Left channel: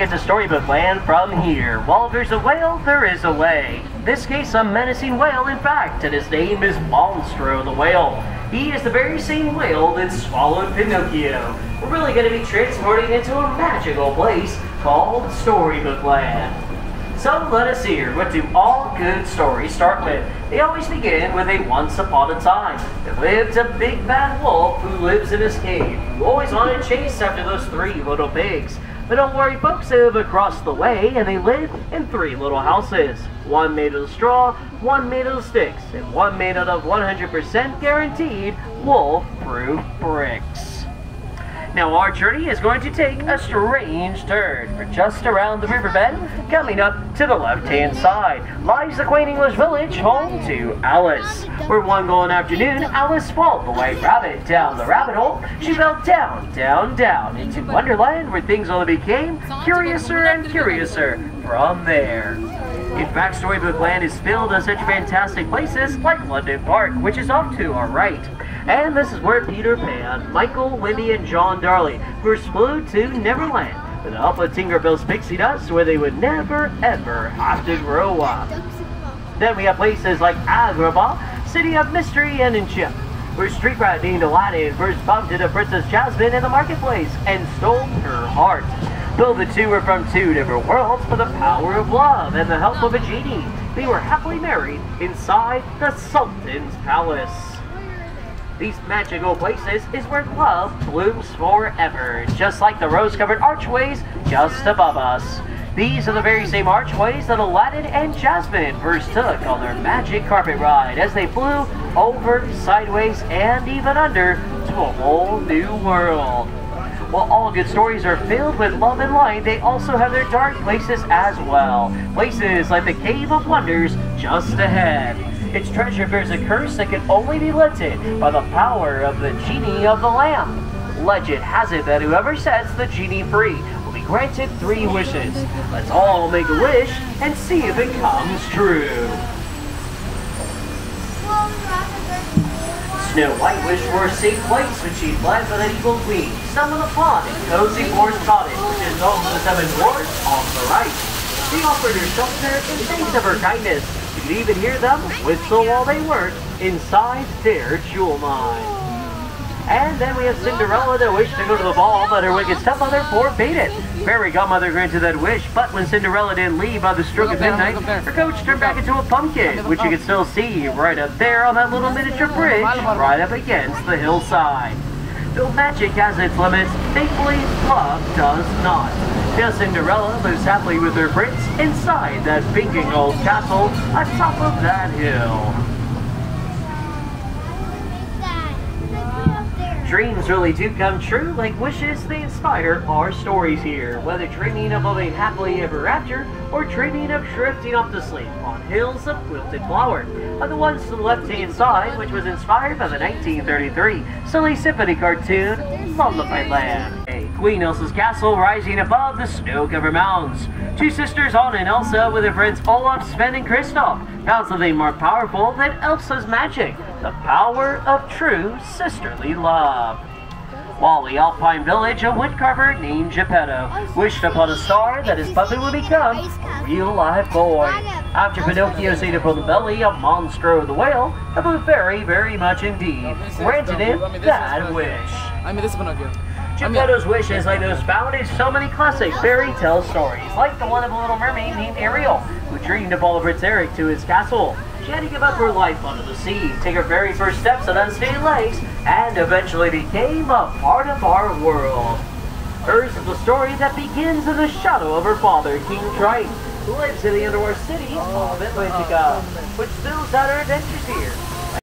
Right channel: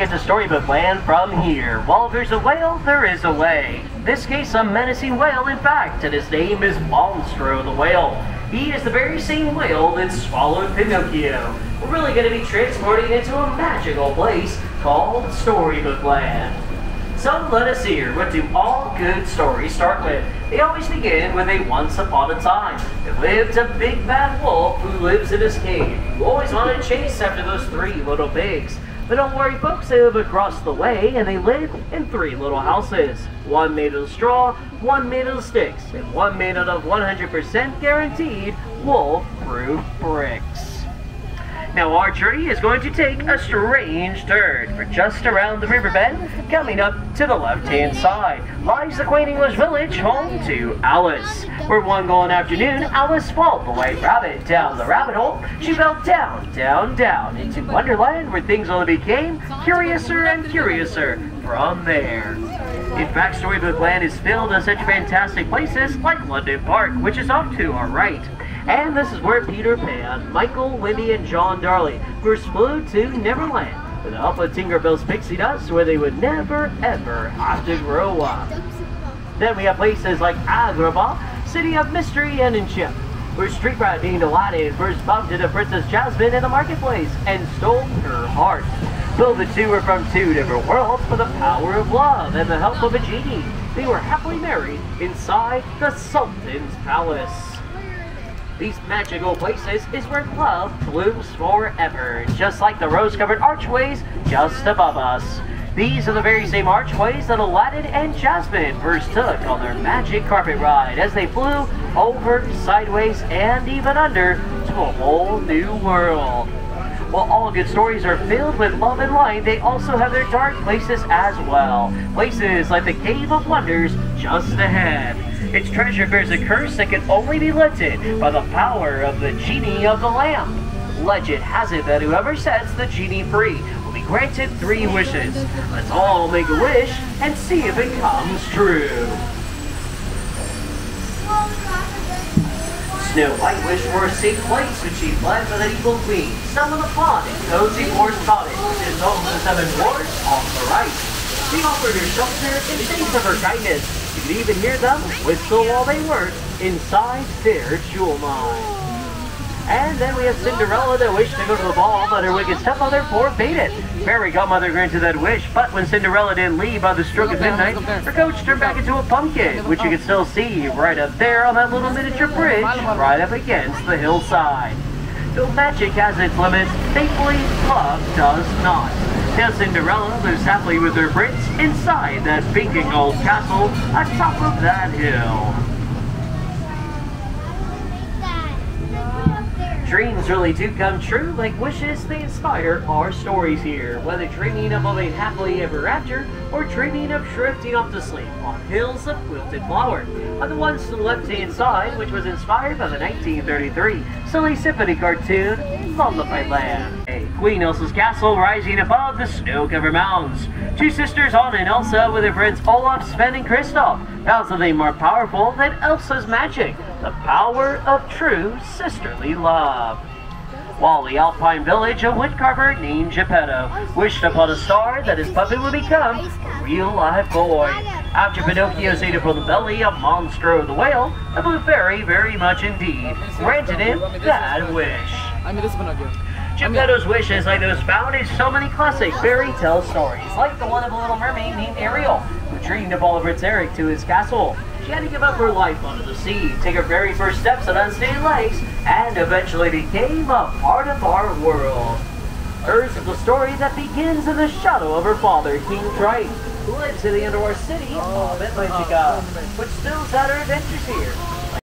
get to Storybook Land from here. Well, if there's a whale, there is a way. In this case, a menacing whale, in fact, and his name is Monstro the whale. He is the very same whale that swallowed Pinocchio. We're really going to be transporting into a magical place called Storybook Land. So let us hear, what do all good stories start with? They always begin with a once upon a time. There lived a big bad wolf who lives in his cave, who always wanted to chase after those three little pigs. But don't worry folks, they live across the way and they live in three little houses. One made out of straw, one made out of sticks, and one made out of 100% guaranteed wolf-proof bricks. Now our journey is going to take a strange turn. We're just around the riverbed. Coming up to the left-hand side lies the quaint English village home to Alice. Where one golden afternoon, Alice followed the white rabbit down the rabbit hole. She fell down, down, down into Wonderland, where things only became curiouser and curiouser from there. In fact, Storybook Land is filled with such fantastic places like London Park, which is off to our right. And this is where Peter Pan, Michael, Winnie, and John Darley first flew to Neverland with the help of Tinkerbell's pixie dust, where they would never ever have to grow up. Then we have places like Agrabah, City of Mystery and Enchantment, where street rat named Aladdin first bumped into Princess Jasmine in the marketplace and stole her heart. Though the two were from two different worlds, for the power of love and the help of a genie, they were happily married inside the Sultan's palace. These magical places is where love blooms forever, just like the rose-covered archways just above us. These are the very same archways that Aladdin and Jasmine first took on their magic carpet ride as they flew over, sideways, and even under to a whole new world. While all good stories are filled with love and light, they also have their dark places as well. Places like the Cave of Wonders just ahead. Its treasure bears a curse that can only be lifted by the power of the genie of the lamp. Legend has it that whoever sets the genie free will be granted 3 wishes. Let's all make a wish and see if it comes true. Snow White wished for a safe place when she fled from the evil queen, stumbled upon a cozy forest cottage, which is home to the 7 dwarfs on the right. She offered her shelter in thanks of her kindness. You could even hear them whistle while they worked inside their jewel mine. And then we have Cinderella that wished to go to the ball, but her wicked stepmother forbade it. Fairy Godmother granted that wish, but when Cinderella didn't leave by the stroke of midnight, her coach turned back into a pumpkin, which you can still see right up there on that little miniature bridge right up against the hillside. Though magic has its limits, thankfully love does not. Now Cinderella lives happily with her prince inside that binking old castle atop of that hill. Dreams really do come true, like wishes they inspire our stories here. Whether dreaming of living happily ever after, or dreaming of drifting off to sleep on hills of quilted flower, are the ones to the left-hand side, which was inspired by the 1933 Silly Symphony cartoon, Lullaby Land. Queen Elsa's castle rising above the snow-covered mountains. 2 sisters, Anna and Elsa, with their friends Olaf, Sven, and Kristoff. How's nothing more powerful than Elsa's magic, the power of true sisterly love. While the Alpine village, a woodcarver named Geppetto wished upon a star that his puppet would become a real-life boy. After Pinocchio ate from the belly of Monstro the whale, the blue fairy very much indeed granted him that wish. Geppetto's wish is like those found in so many classic fairy tale stories, like the one of a little mermaid named Ariel, who dreamed of follow Prince Eric to his castle. She had to give up her life under the sea, take her very first steps on unsteady legs, and eventually became a part of our world. Hers is a story that begins in the shadow of her father, King Triton, who lives in the underwater city of Atlantica, which spills out our adventures here